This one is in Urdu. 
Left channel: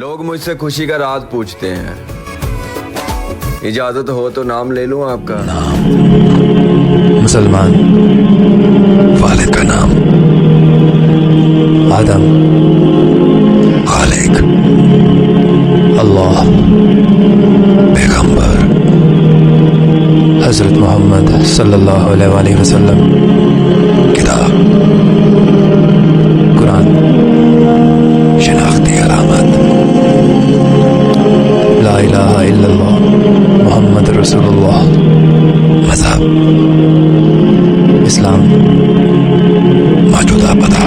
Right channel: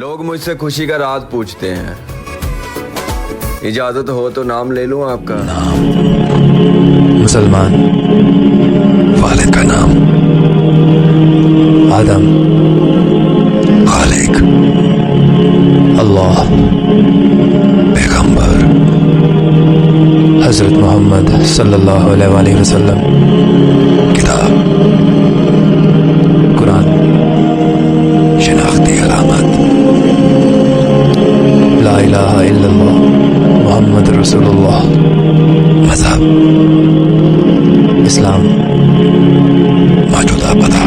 لوگ مجھ سے خوشی کا راز پوچھتے ہیں، اجازت ہو تو نام لے لوں آپ کا؟ نام مسلمان، والد کا نام آدم، خالق اللہ، پیغمبر حضرت محمد صلی اللہ علیہ وآلہ وسلم، کتاب قرآن، شناختی علامت لا الہ الا اللہ محمد رسول اللہ، مذہب اسلام، موجودہ پتہ